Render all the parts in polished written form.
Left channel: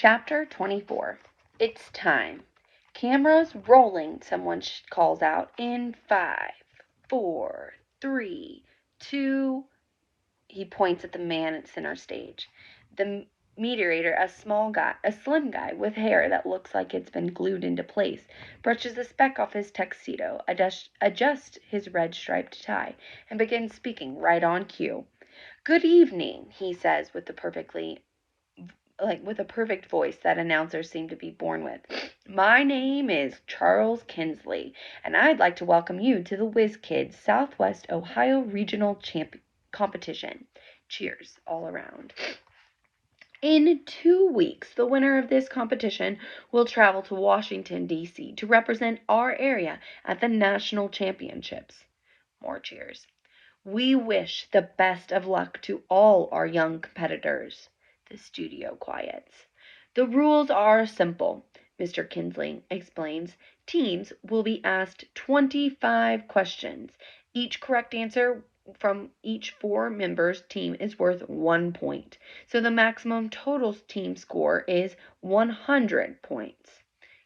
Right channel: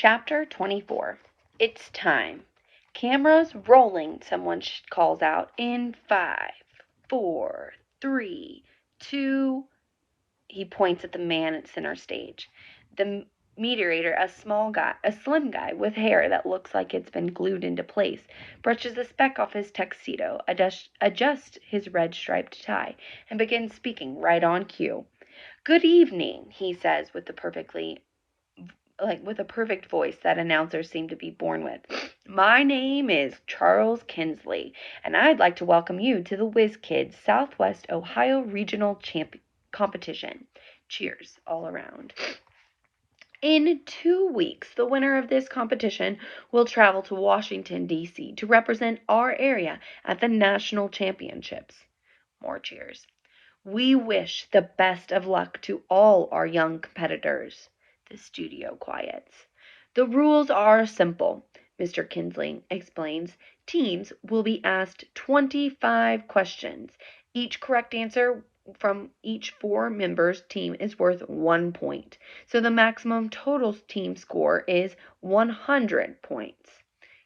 Chapter 24. It's time. Cameras rolling, someone calls out in 5, 4, 3, 2. He points at the man at center stage. The meteorator, a slim guy with hair that looks like it's been glued into place, brushes the speck off his tuxedo, adjusts his red striped tie, and begins speaking right on cue. Good evening, he says with a perfect voice that announcers seem to be born with. My name is Charles Kinsley, and I'd like to welcome you to the Whiz Kids Southwest Ohio Regional Competition. Cheers all around. In 2 weeks, the winner of this competition will travel to Washington, D.C. to represent our area at the national championships. More cheers. We wish the best of luck to all our young competitors. The studio quiets. The rules are simple, Mr. Kinsley explains. Teams will be asked 25 questions. Each correct answer from each 4 members' team is worth 1 point. So the maximum total team score is 100 points.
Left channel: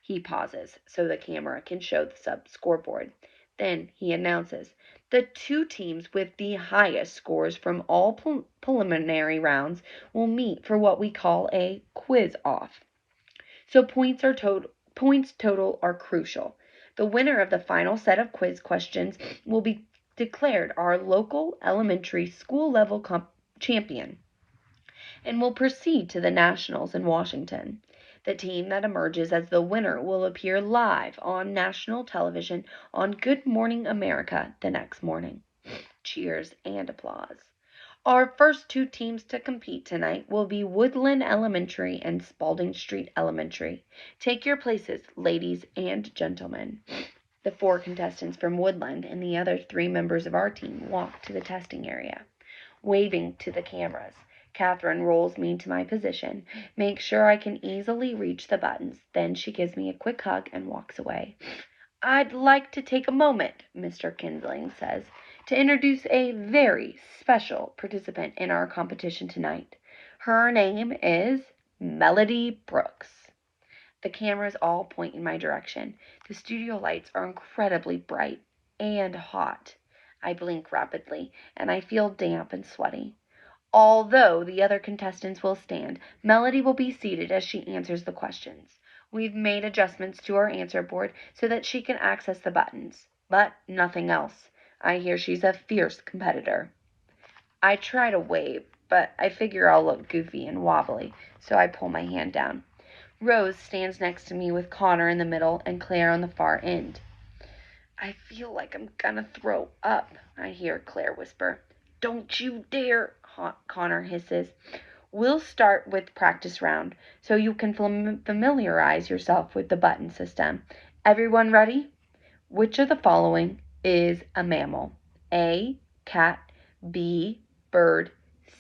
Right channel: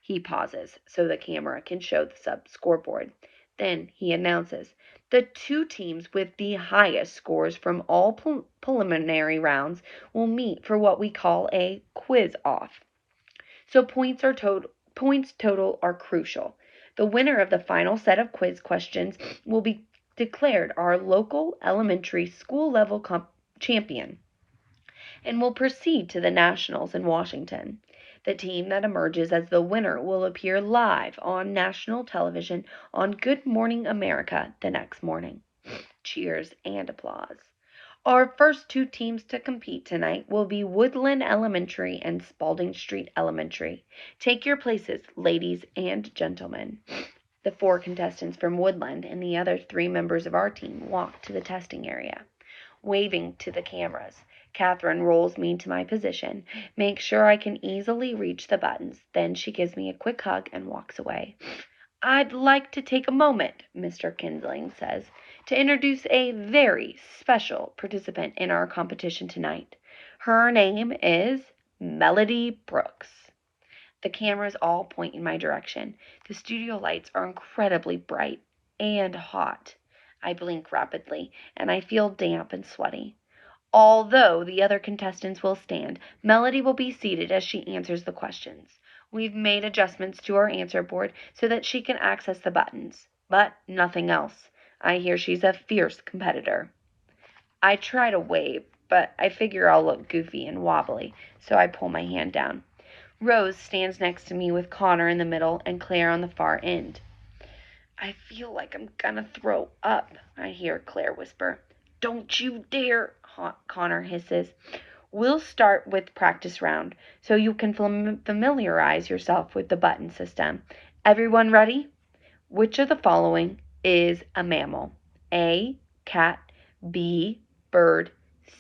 He pauses so the camera can show the scoreboard. Then he announces, the 2 teams with the highest scores from all preliminary rounds will meet for what we call a quiz-off. So points total are crucial. The winner of the final set of quiz questions will be declared our local elementary school level champion and will proceed to the nationals in Washington. The team that emerges as the winner will appear live on national television on Good Morning America the next morning. Cheers and applause. Our first 2 teams to compete tonight will be Woodland Elementary and Spalding Street Elementary. Take your places, ladies and gentlemen. The 4 contestants from Woodland and the other 3 members of our team walk to the testing area, waving to the cameras. Catherine rolls me into my position, makes sure I can easily reach the buttons. Then she gives me a quick hug and walks away. I'd like to take a moment, Mr. Kinsley says, to introduce a very special participant in our competition tonight. Her name is Melody Brooks. The cameras all point in my direction. The studio lights are incredibly bright and hot. I blink rapidly, and I feel damp and sweaty. Although the other contestants will stand, Melody will be seated as she answers the questions. We've made adjustments to our answer board so that she can access the buttons, but nothing else. I hear she's a fierce competitor. I try to wave, but I figure I'll look goofy and wobbly, so I pull my hand down. Rose stands next to me with Connor in the middle and Claire on the far end. I feel like I'm gonna throw up, I hear Claire whisper. Don't you dare, Connor hisses. We'll start with practice round, so you can familiarize yourself with the button system. Everyone ready? Which of the following is a mammal? A, cat, B, bird,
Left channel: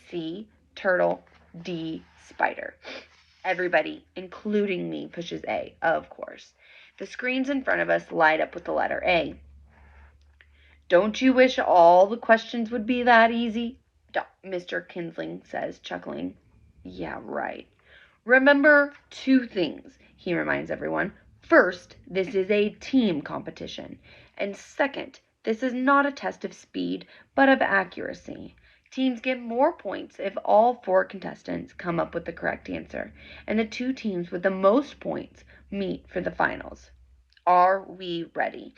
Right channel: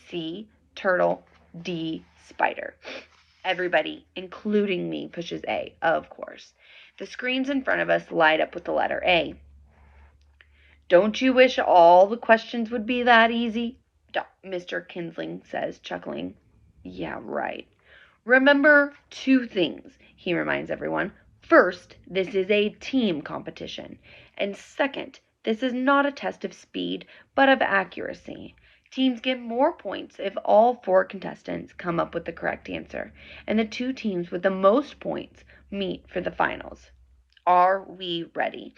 C, turtle, D, spider. Everybody, including me, pushes A, of course. The screens in front of us light up with the letter A. Don't you wish all the questions would be that easy? Mr. Kinsley says, chuckling. Yeah, right. Remember 2 things, he reminds everyone. First, this is a team competition. And second, this is not a test of speed, but of accuracy. Teams get more points if all 4 contestants come up with the correct answer, and the 2 teams with the most points meet for the finals. Are we ready?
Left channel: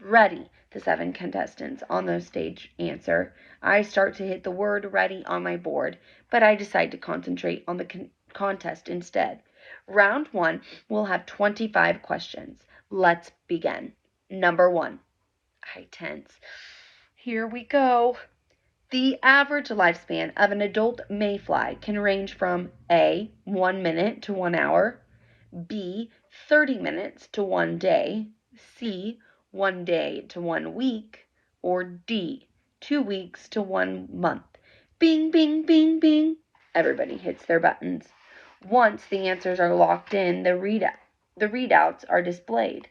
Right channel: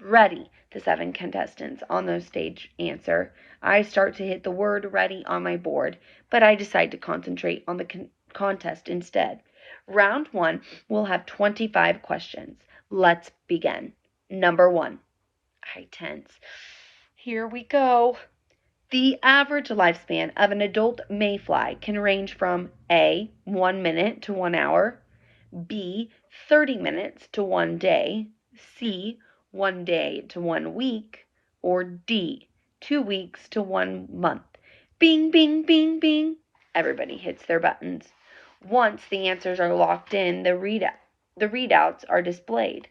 Ready, the 7 contestants on the stage answer. I start to hit the word ready on my board, but I decide to concentrate on the contest instead. Round 1 will have 25 questions. Let's begin. Number 1. I tense. Here we go. The average lifespan of an adult mayfly can range from A, 1 minute to 1 hour, B, 30 minutes to 1 day, C, 1 day to 1 week, or D, 2 weeks to 1 month. Bing, bing, bing, bing. Everybody hits their buttons. Once the answers are locked in, the readouts are displayed.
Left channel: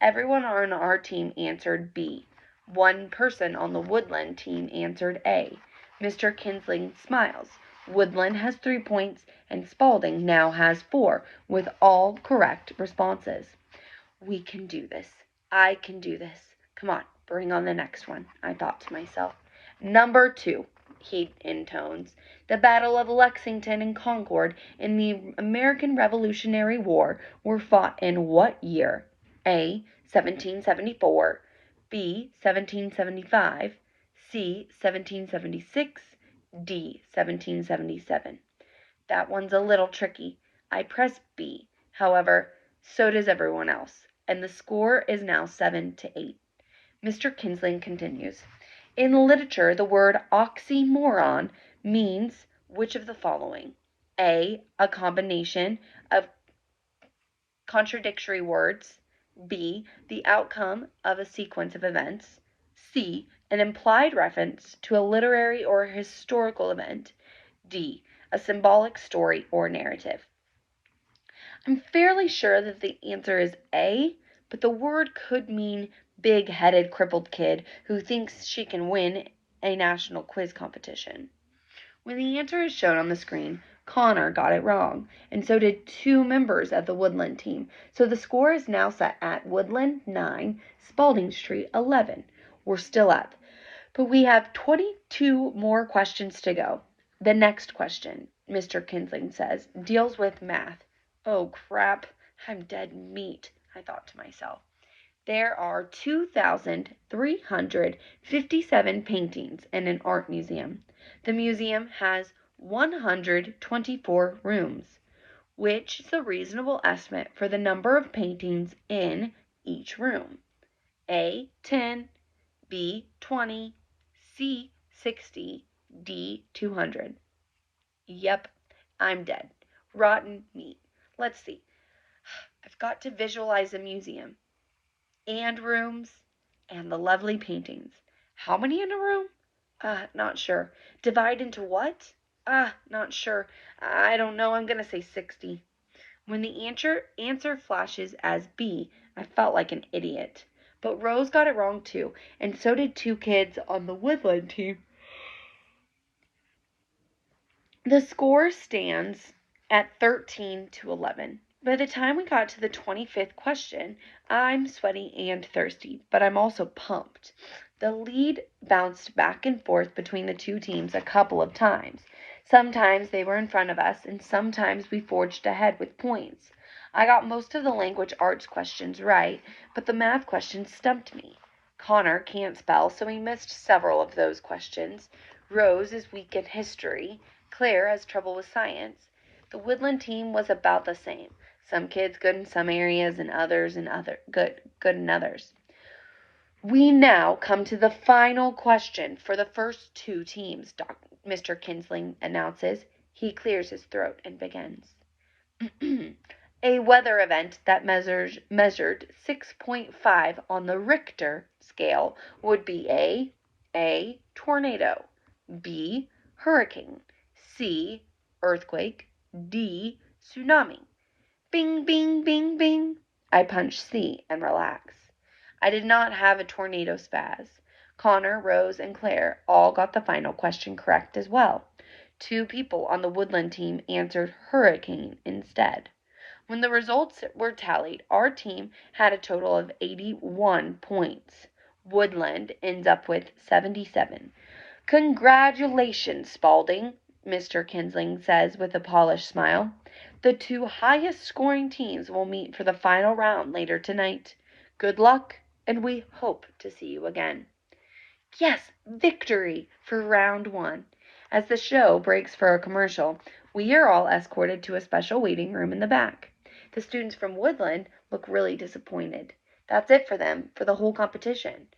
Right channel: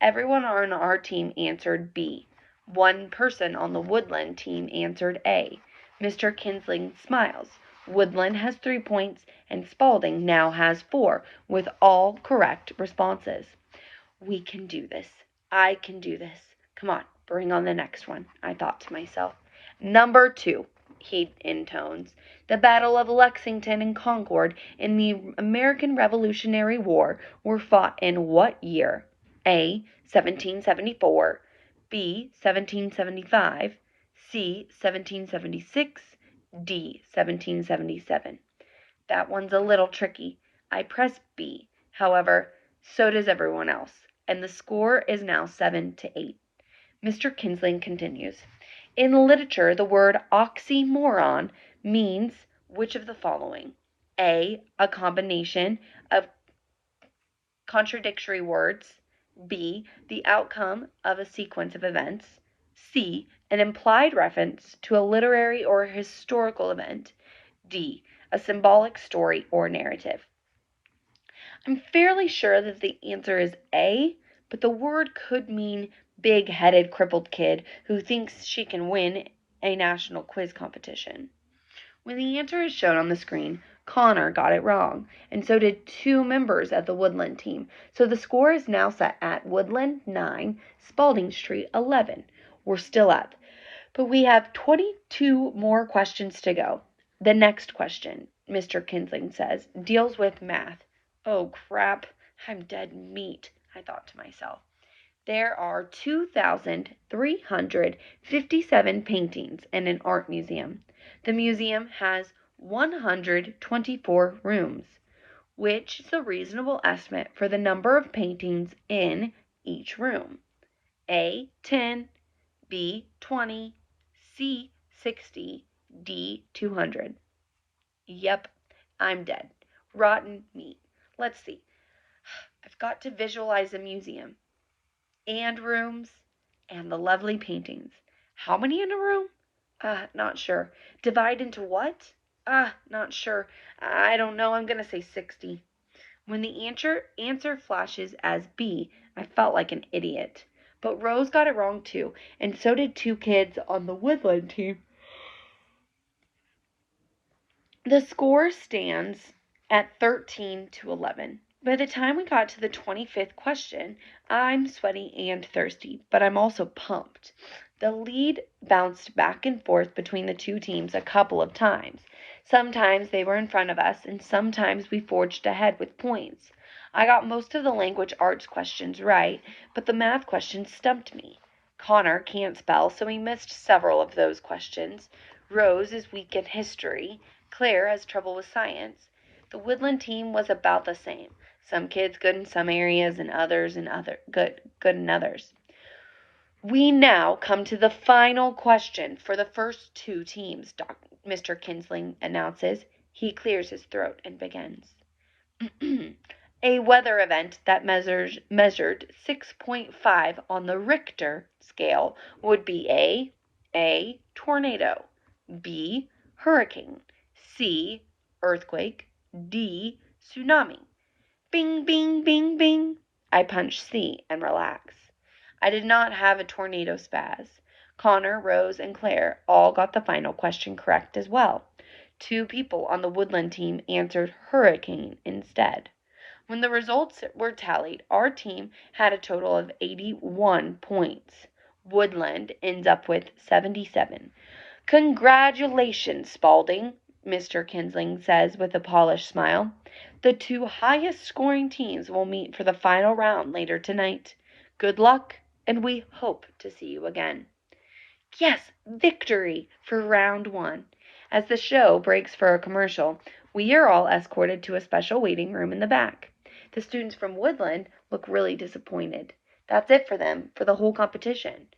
Everyone on our team answered B. 1 person on the Woodland team answered A. Mr. Kinsley smiles. Woodland has 3 points, and Spalding now has 4, with all correct responses. We can do this. I can do this. Come on, bring on the next one, I thought to myself. Number 2, he intones. The Battle of Lexington and Concord in the American Revolutionary War were fought in what year? A. 1774, B. 1775, C. 1776, D. 1777. That one's a little tricky. I press B. However, so does everyone else, and the score is now 7-8. Mr. Kinsling continues. In literature, the word oxymoron means which of the following? A. A combination of contradictory words. B. The outcome of a sequence of events. C. An implied reference to a literary or historical event. D. A symbolic story or narrative. I'm fairly sure that the answer is A, but the word could mean big-headed crippled kid who thinks she can win a national quiz competition. When the answer is shown on the screen, Connor got it wrong, and so did 2 members of the Woodland team. So the score is now set at Woodland 9, Spalding Street 11. We're still up, but we have 22 more questions to go. The next question, Mr. Kinsling says, deals with math. Oh crap, I'm dead meat, I thought to myself. There are 2,357 paintings in an art museum. The museum has 124 rooms, which is a reasonable estimate for the number of paintings in each room. A. 10, B. 20, C. 60, D. 200. Yep, I'm dead. Rotten meat. Let's see. I've got to visualize a museum and rooms and the lovely paintings. How many in a room? Not sure. Divide into what? Not sure. I don't know. I'm going to say 60. When the answer flashes as B, I felt like an idiot. But Rose got it wrong too, and so did 2 kids on the Woodland team. The score stands at 13-11. By the time we got to the 25th question, I'm sweaty and thirsty, but I'm also pumped. The lead bounced back and forth between the 2 teams a couple of times. Sometimes they were in front of us, and sometimes we forged ahead with points. I got most of the language arts questions right, but the math questions stumped me. Connor can't spell, so he missed several of those questions. Rose is weak in history. Claire has trouble with science. The Woodland team was about the same. Some kids good in some areas and others good in others. We now come to the final question for the first 2 teams, Mr. Kinsling announces. He clears his throat and begins. A weather event that measured 6.5 on the Richter scale would be A. Tornado, B. Hurricane, C. Earthquake, D. Tsunami. Bing, bing, bing, bing. I punch C and relax. I did not have a tornado spaz. Connor, Rose, and Claire all got the final question correct as well. 2 people on the Woodland team answered hurricane instead. When the results were tallied, our team had a total of 81 points. Woodland ends up with 77. Congratulations, Spalding, Mr. Kinsling says with a polished smile. The 2 highest scoring teams will meet for the final round later tonight. Good luck, and we hope to see you again. Yes, victory for round 1. As the show breaks for a commercial, we are all escorted to a special waiting room in the back. The students from Woodland look really disappointed. That's it for them for the whole competition.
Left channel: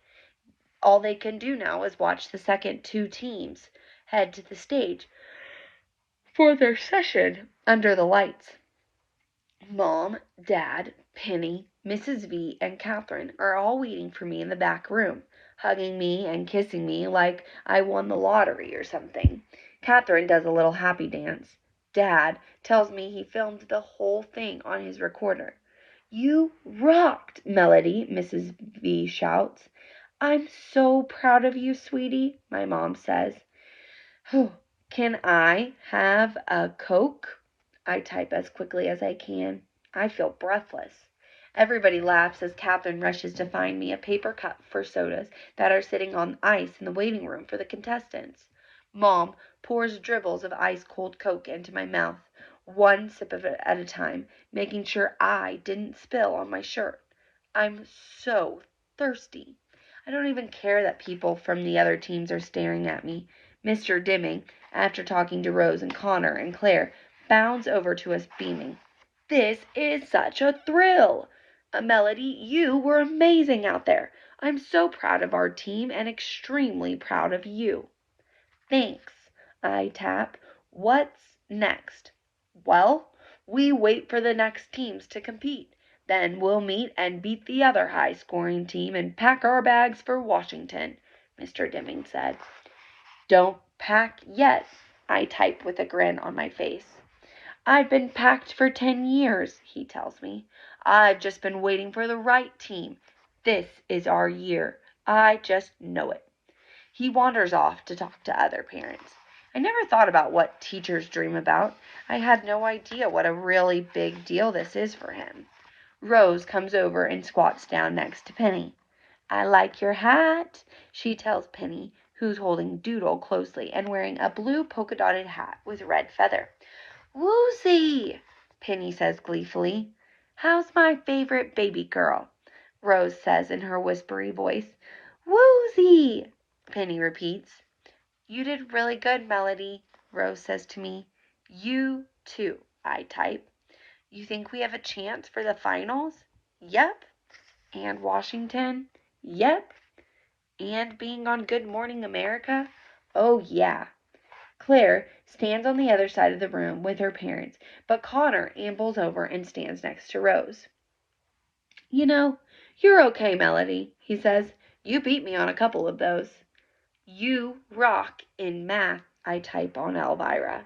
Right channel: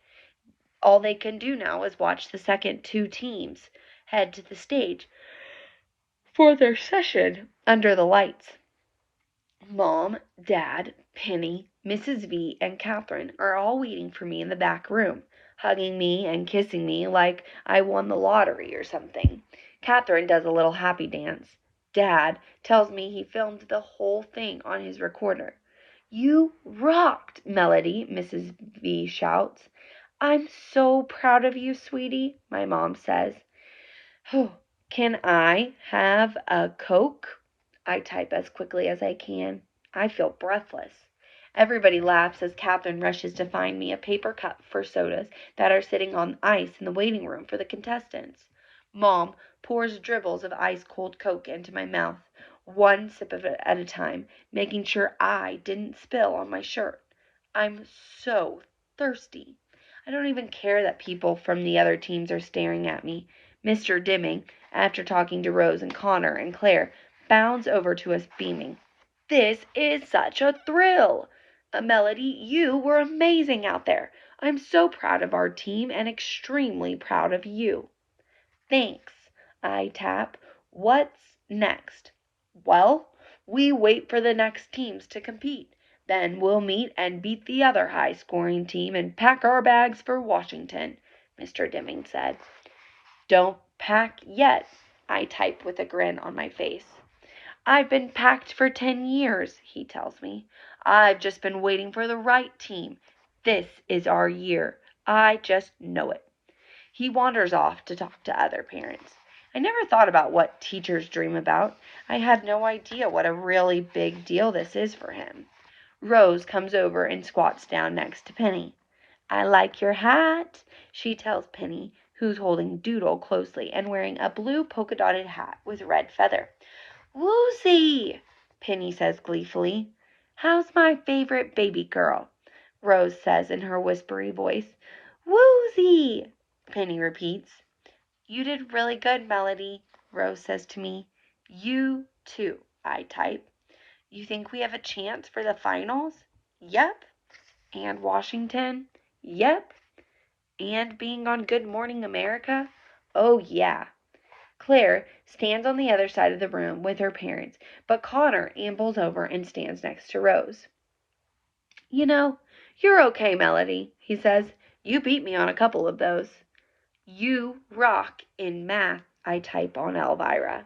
All they can do now is watch the second 2 teams head to the stage for their session under the lights. Mom, Dad, Penny, Mrs. V, and Catherine are all waiting for me in the back room, hugging me and kissing me like I won the lottery or something. Catherine does a little happy dance. Dad tells me he filmed the whole thing on his recorder. You rocked, Melody, Mrs. V shouts. I'm so proud of you, sweetie, my mom says. Can I have a Coke? I type as quickly as I can. I feel breathless. Everybody laughs as Catherine rushes to find me a paper cup for sodas that are sitting on ice in the waiting room for the contestants. Mom pours dribbles of ice-cold Coke into my mouth, one sip of it at a time, making sure I didn't spill on my shirt. I'm so thirsty. I don't even care that people from the other teams are staring at me. Mr. Dimming, after talking to Rose and Connor and Claire, bounds over to us beaming. This is such a thrill! Melody, you were amazing out there. I'm so proud of our team and extremely proud of you. Thanks, I tap. What's next? Well, we wait for the next teams to compete. Then we'll meet and beat the other high-scoring team and pack our bags for Washington, Mr. Dimming said. Don't pack yet, I type with a grin on my face. I've been packed for 10 years, he tells me. I've just been waiting for the right team. This is our year. I just know it. He wanders off to talk to other parents. I never thought about what teachers dream about. I had no idea what a really big deal this is for him. Rose comes over and squats down next to Penny. I like your hat, she tells Penny, who's holding Doodle closely and wearing a blue polka-dotted hat with red feather. Woozy, Penny says gleefully. How's my favorite baby girl? Rose says in her whispery voice. Woozy, Penny repeats. You did really good, Melody, Rose says to me. You too, I type. You think we have a chance for the finals? Yep. And Washington? Yep. And being on Good Morning America? Oh, yeah. Claire stands on the other side of the room with her parents, but Connor ambles over and stands next to Rose. You know, you're okay, Melody, he says. You beat me on a couple of those. You rock in math, I type on Elvira.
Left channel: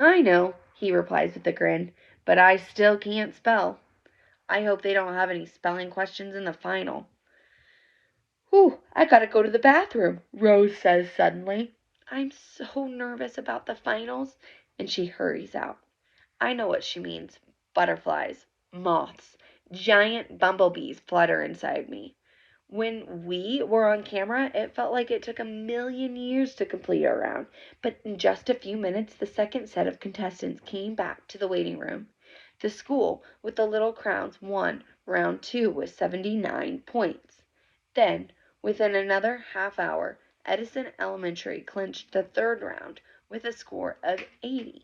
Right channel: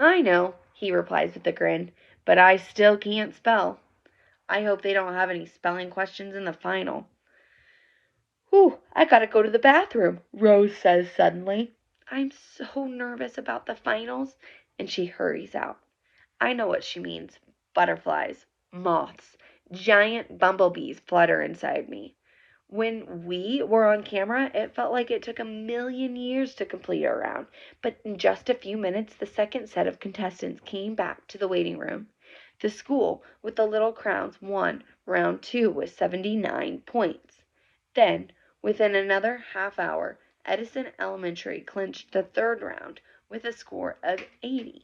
I know, he replies with a grin, but I still can't spell. I hope they don't have any spelling questions in the final. Whew, I gotta go to the bathroom, Rose says suddenly. I'm so nervous about the finals, and she hurries out. I know what she means. Butterflies, moths, giant bumblebees flutter inside me. When we were on camera, it felt like it took 1,000,000 years to complete our round, but in just a few minutes, the second set of contestants came back to the waiting room. The school with the little crowns won round 2 with 79 points. Then, within another half hour, Edison Elementary clinched the third round with a score of 80.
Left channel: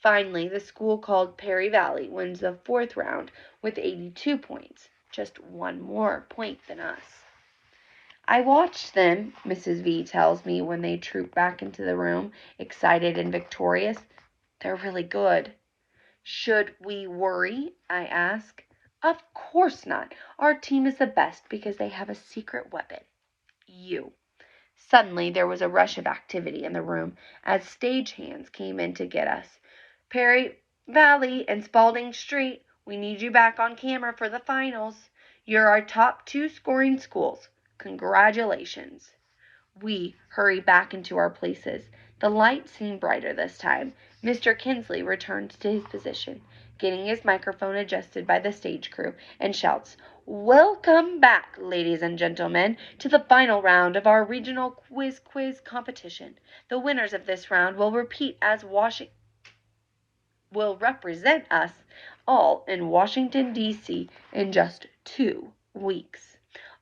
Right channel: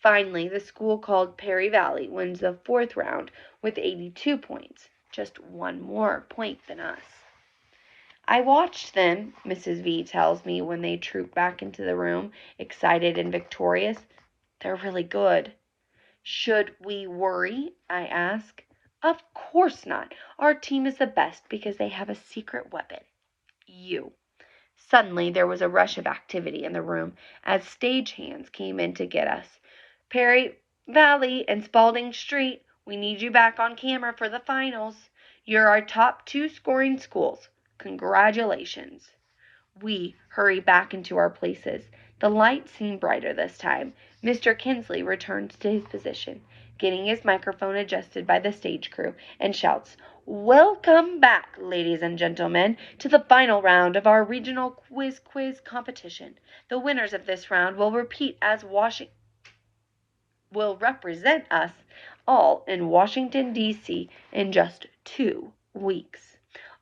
Finally, the school called Perry Valley wins the fourth round with 82 points, just one more point than us. I watched them, Mrs. V tells me when they troop back into the room, excited and victorious. They're really good. Should we worry? I ask. Of course not. Our team is the best because they have a secret weapon. You. Suddenly there was a rush of activity in the room as stagehands came in to get us. Perry Valley and Spalding Street, we need you back on camera for the finals. You're our top 2 scoring schools. Congratulations. We hurry back into our places. The lights seem brighter this time. Mr. Kinsley returns to his position, getting his microphone adjusted by the stage crew, and shouts, Welcome back, ladies and gentlemen, to the final round of our regional quiz competition. The winners of this round will represent us all in Washington, D.C. in just 2 weeks.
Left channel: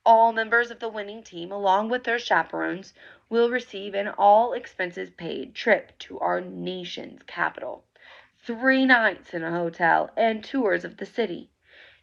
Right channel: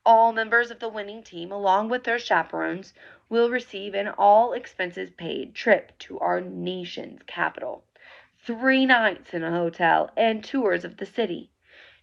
All members of the winning team, along with their chaperones, will receive an all-expenses-paid trip to our nation's capital. 3 nights in a hotel and tours of the city.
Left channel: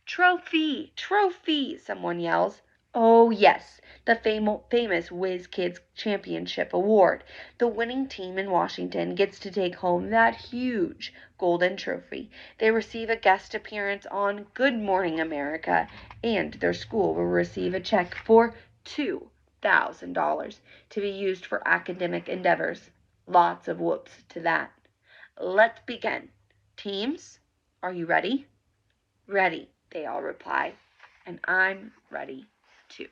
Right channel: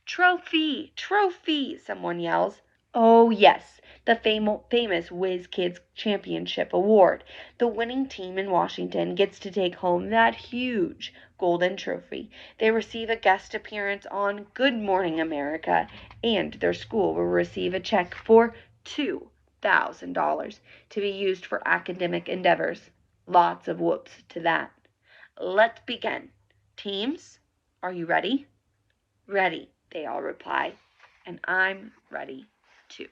Trophy! Trophy! Someone yells. Oh, yes, the famous Whiz Kids Championship Award. The winning team in Washington gets to take home that huge golden trophy. They receive a guest appearance on Good Morning America, and their school will receive a check for $2,000 to be used for academic endeavors. Lots of whoops to that. Let's begin. Teams, are you ready? Ready, they all reply, and I'm ready too.